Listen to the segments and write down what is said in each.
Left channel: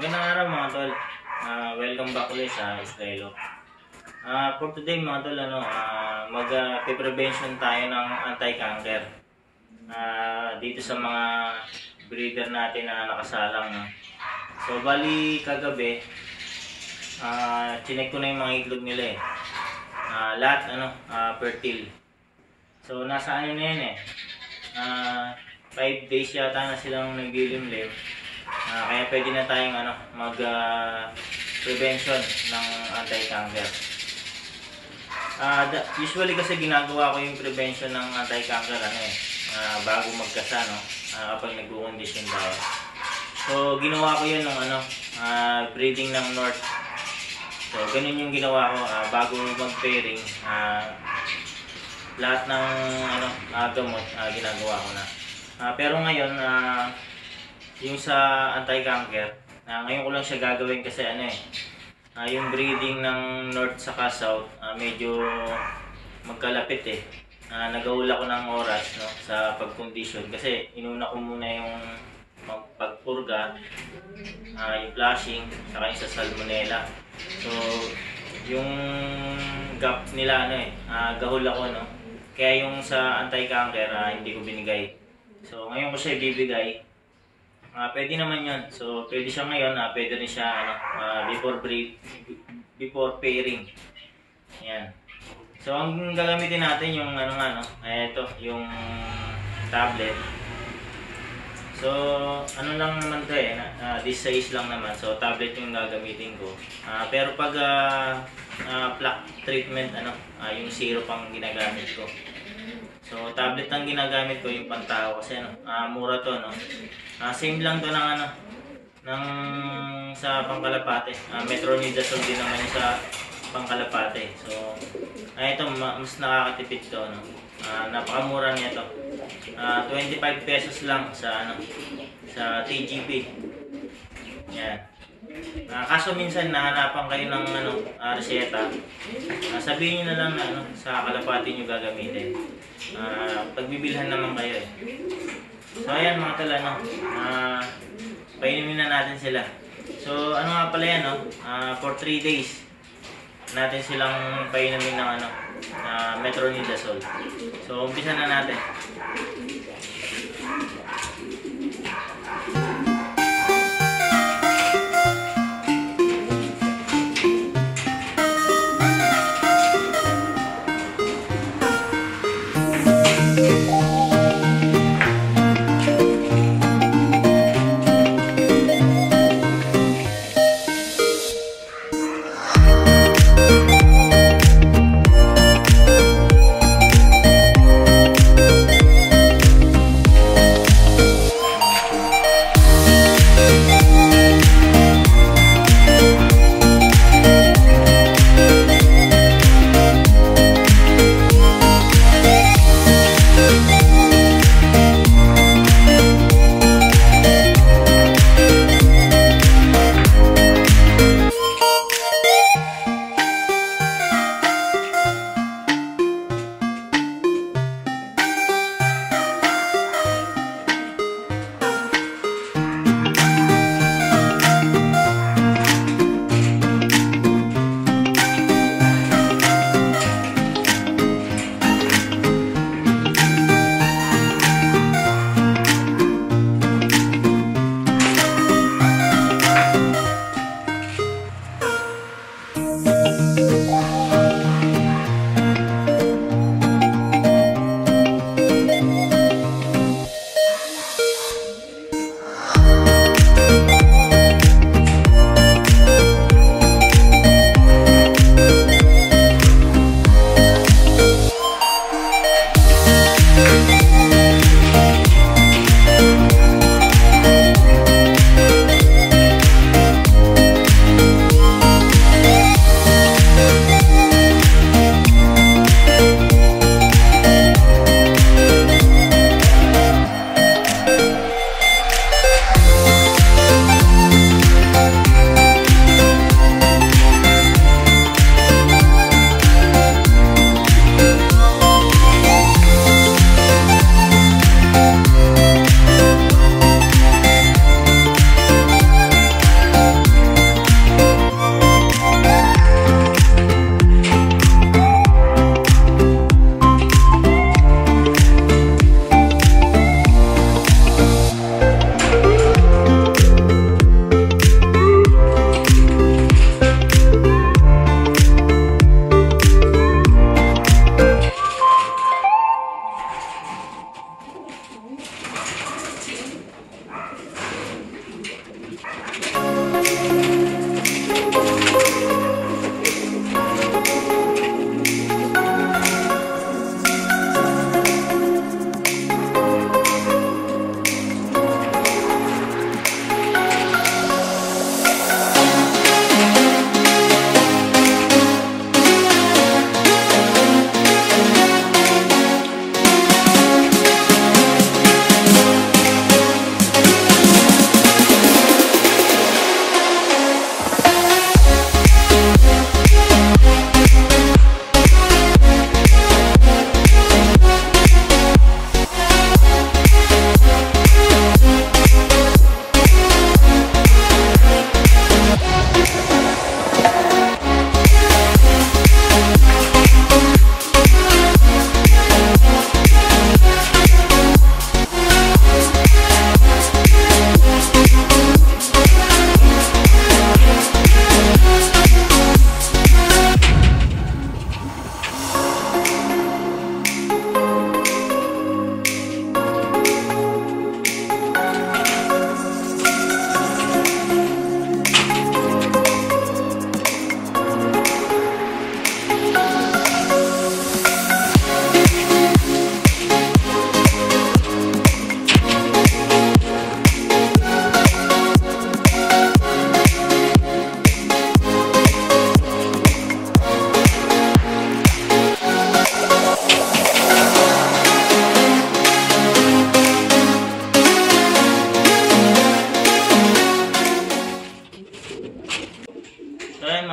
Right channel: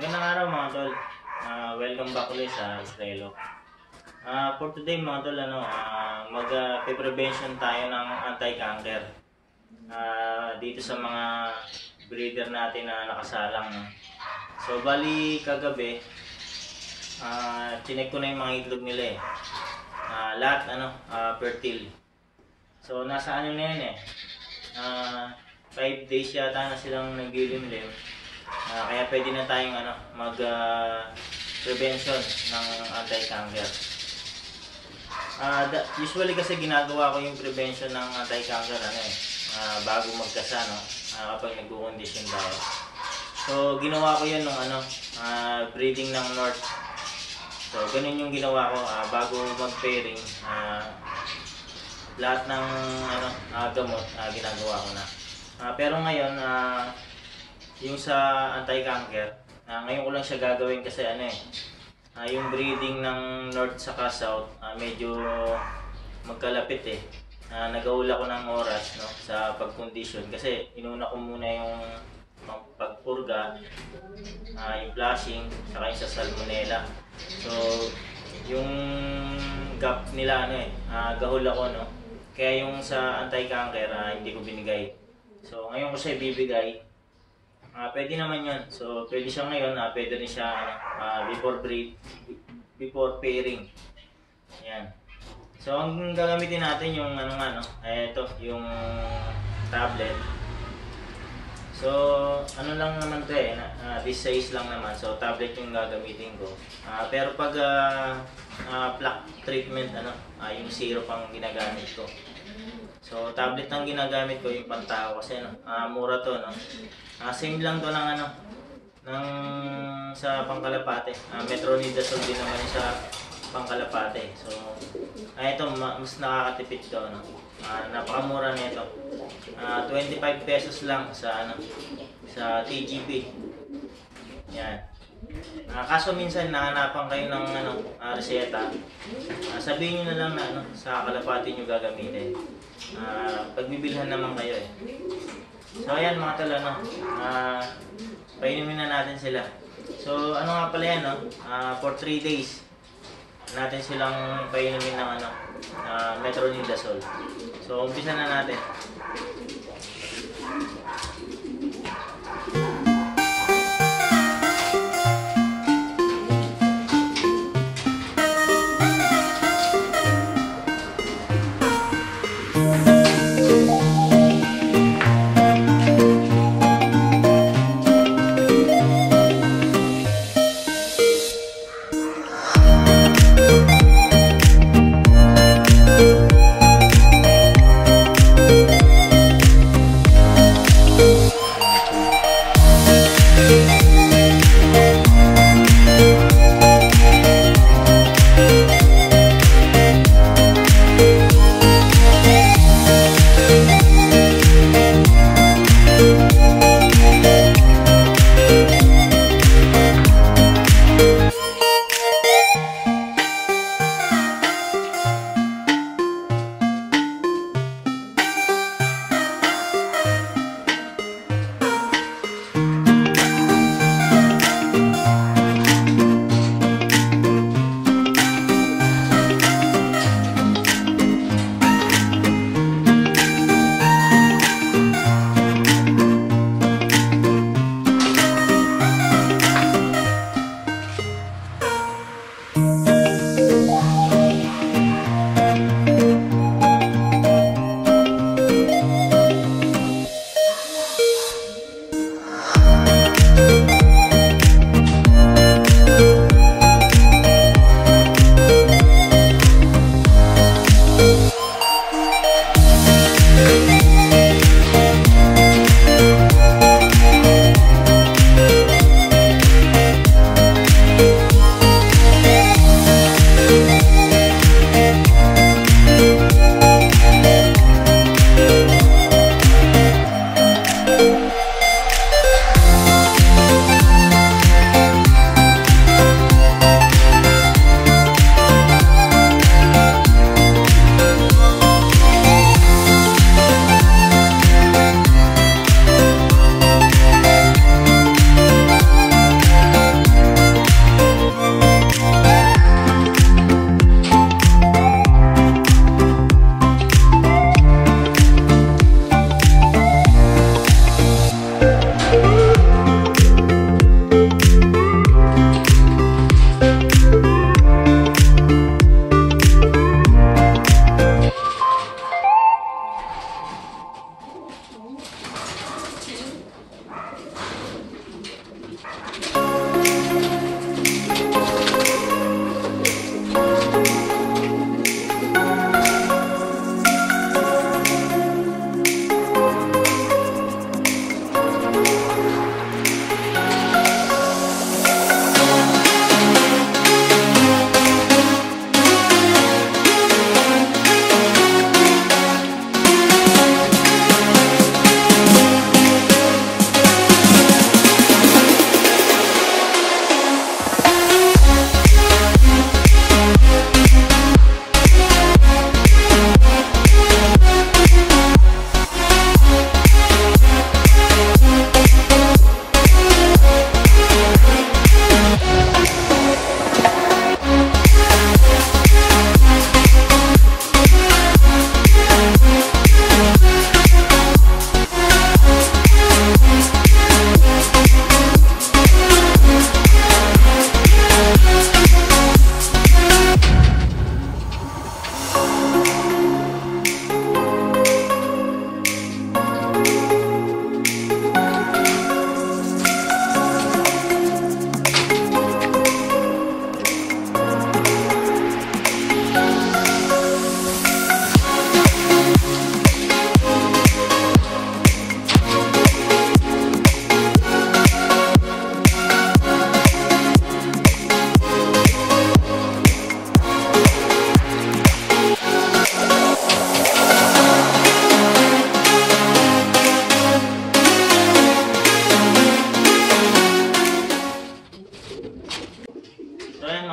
Magandang araw mga tol. Welcome back ulit sa Israelo. For today mga tol, mag-prevention tayo ng anti-canker dito sa mga breeder natin na nakasalang. No? So bali kagabi, chinek ko na yung mga itlog nila eh. Lahat fertile. So nasa ano na yan eh. 5 days yata na silang naglilimlim. Kaya pwede na tayong mag-prevention ng anti-canker. Usually kasi ginagawa ko yung prevention ng anti-canker bago magkasa, kapag nagkukondisyon tayo. So ginawa ko yun ng breeding ng North. So ganun yung ginawa ko bago mag-pairing. Lahat ng gamot ginagawa ko na. Pero ngayon yung sa anti-canker, ngayon ko lang siya gagawin kasi yung breeding ng North saka South medyo magkalapit eh. Nagahula ko ng oras sa pagkondisyon kasi inuna ko muna yung pagpurga, yung flushing, saka yung sa salmonella. So yung gap nila gahol ako kaya yung sa anti-canker hindi ko binigay. So ngayon ko siya ibibigay. Pwede naman yun. So, pwede siya ngayon, pwede rin siya before pairing. Ayan. So, ang gagamitin natin yung ito, yung tablet. So, lang naman ito this size lang naman. So, tablet yung gagamitin ko. Pero pag plaque treatment, yung syrup ang ginagamit ko. So, tablet ang ginagamit ko yung pantao kasi mura to, same lang to ng sa Pangkalapate. Metronidazole din naman yung sa Pangkalapate. So, ito mas nakakatipid to, napakamura nito. 25 pesos lang sa sa TGP. Yan. Kaso minsan nahanapan kayo ng reseta. Sabihin niyo na lang na sa Kalapate niyo gagamitin. Pagbibilhan naman kayo eh. So ayan mga tol, painumin na natin sila. So nga pala yan, for 3 days natin silang painumin ng metronidazole. So umpisa na natin.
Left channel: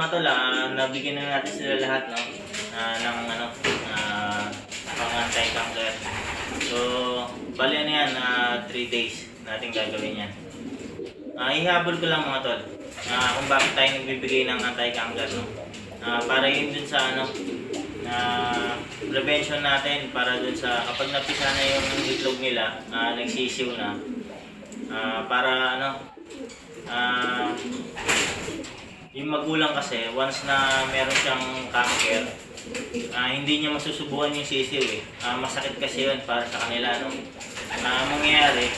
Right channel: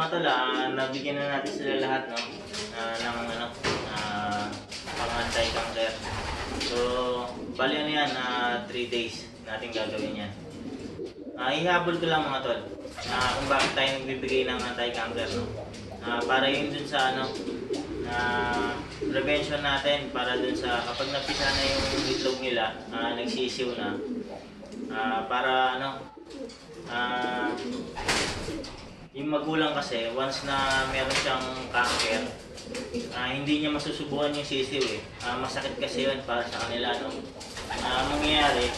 mga tol, nabigyan na natin sila lahat, no? Ng ano, pang-anti-cancer. So, bali ano yan, 3 days natin gagawin yan. Ihabol ko lang mga tol, kung bakit tayo nagbibigay ng anti-cancer, no? Para yun dun sa ano, prevention natin, para dun sa kapag napisa na yung itlog nila, nagsisiw na, para ano, yung magulang kasi once na meron siyang cancer, hindi niya masusubukan yung sisiw eh. Masakit kasi yun para sa kanila, no? Mangyayari,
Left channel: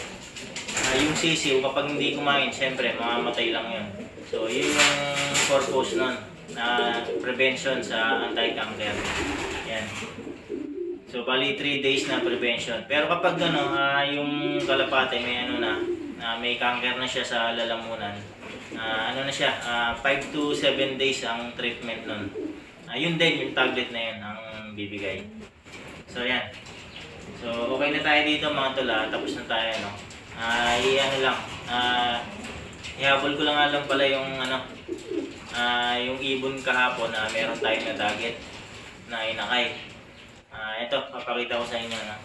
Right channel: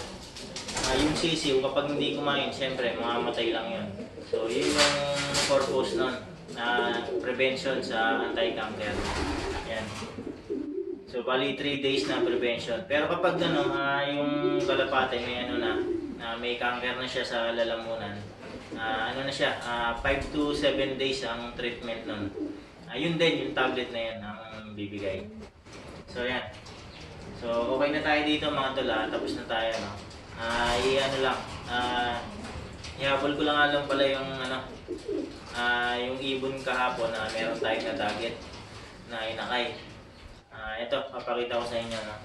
yung sisiw kapag hindi kumain, syempre mamamatay lang yun. So yun yung purpose nun, prevention sa anti-cancer. Yan. So bali 3 days na prevention. Pero kapag ano, yung kalapate may ano na, may cancer na siya sa lalamunan, ano na siya, 5 to 7 days ang treatment nun. Yun din, yung tablet na yun ang bibigay. So yan. So okay na tayo dito mga tol, tapos na tayo, no? Ano lang, ihabol ko lang alam pala yung ano, yung ibon kahapon na meron tayo na target na inakay. Ito, papakita ko sa inyo, no?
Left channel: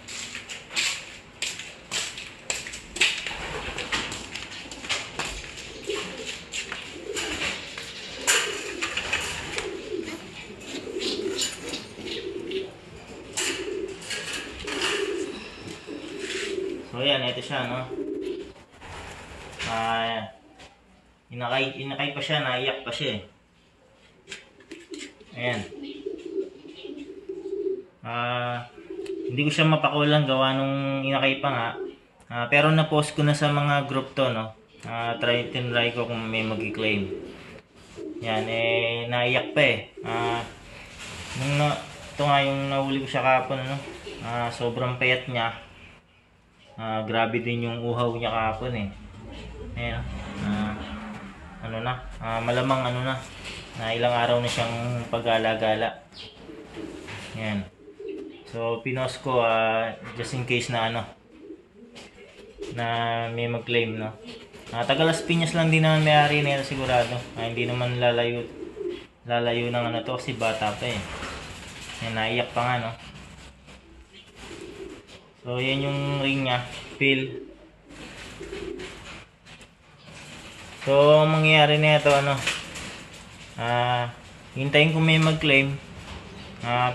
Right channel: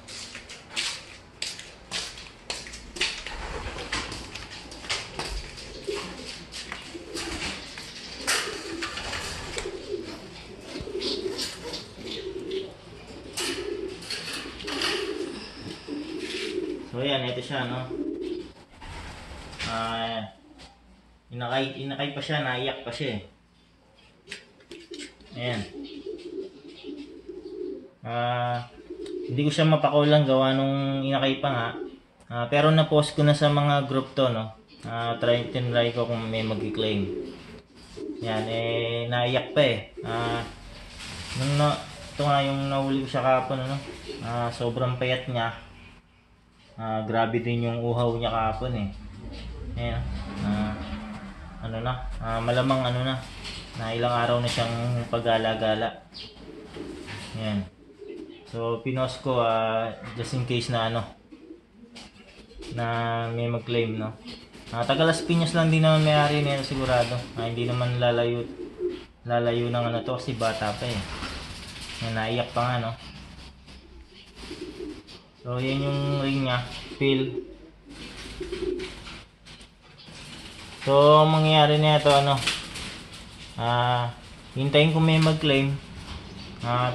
So yan, ito siya, no? Inakay pa siya, naiyak pa siya eh. Ayan. Hindi ko siya mapakulang gawa nung inakay pa nga. Pero na-post ko na sa mga group to, no? Tinry ko kung may mag-claim. Yan, naiyak pa eh. Ito nga yung nahuli ko siya kapon, ano? Sobrang payat niya. Grabe din yung uhaw niya kahapon eh. Ayan, ano na, malamang ano na ilang araw na siyang pag-gala-gala. Ayan. So pinost ko just in case na ano, na may mag-claim, no. Taga Las Piñas lang din naman may-ari nito sigurado. Hindi naman lalayo ng ano to kasi bata pa eh. Ayan, naiyak pa nga, no. So yan yung ring niya, fill. So ang mangyayari nito ano, hintayin ko may mag-claim.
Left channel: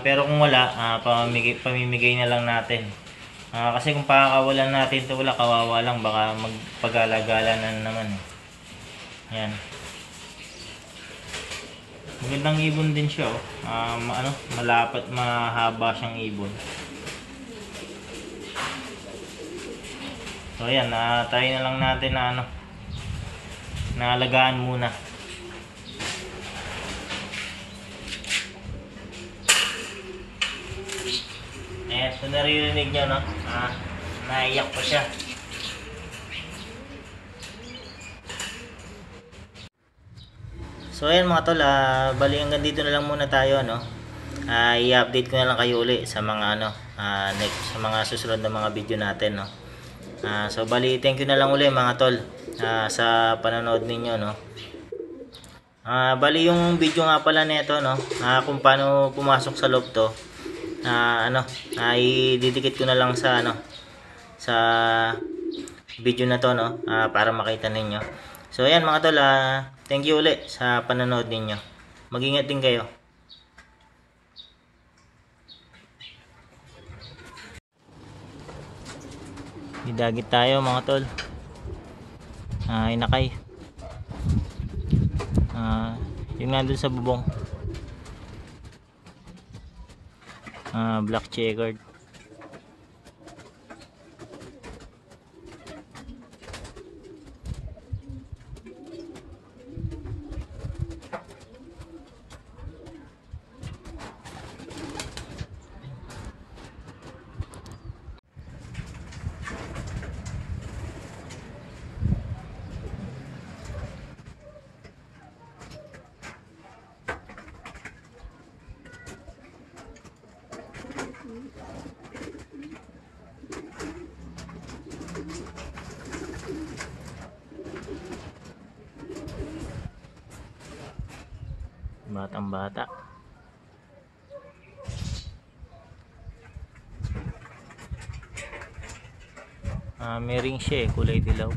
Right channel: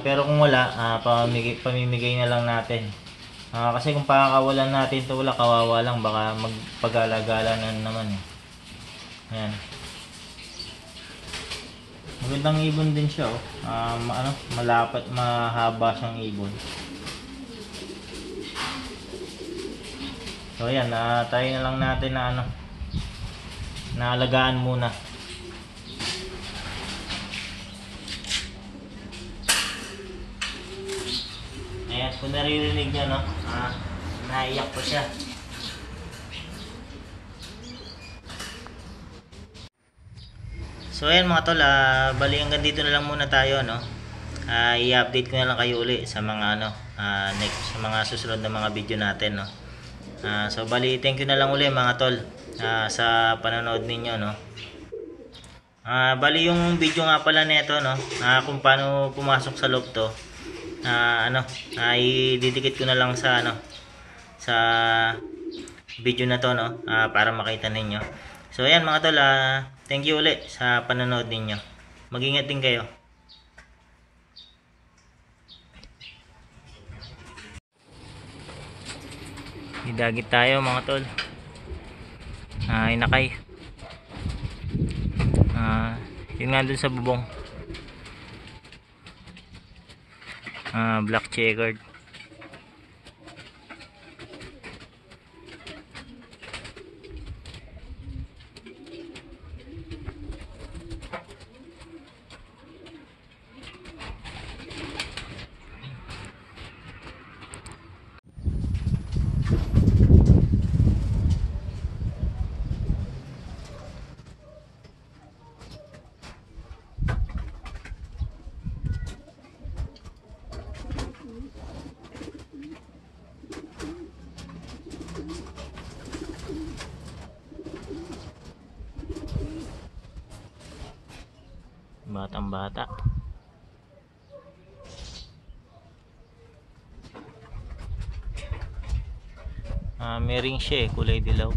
Pero kung wala, pamimigay na lang natin. Kasi kung pakakawalan natin to, wala, kawawa lang, baka magpagala-gala na naman eh. Yan. Magandang ibon din siya, oh. Malapat, mahaba siyang ibon. So ayan, tayo na lang natin na ano, naalagaan muna. Ayan, kung naririnig nyo, no, naiyak pa siya. So ayan mga tol, bali hanggang dito na lang muna tayo, no. I-update ko na lang kayo uli sa mga ano, next, sa mga susunod na mga video natin, no. So bali thank you na lang uli mga tol sa panonood ninyo, no. Bali yung video nga pala nito, no, kung paano pumasok sa loob to, i-didikit ko na lang sa ano, sa video na to, no, para makita ninyo. So ayan mga tol, thank you uli sa panonood ninyo. Mag-ingat din kayo. Didagit tayo mga tol. Inakay. Yun nga dun sa bubong. Black checkered. Batang bata. May ring siya kulay dilaw.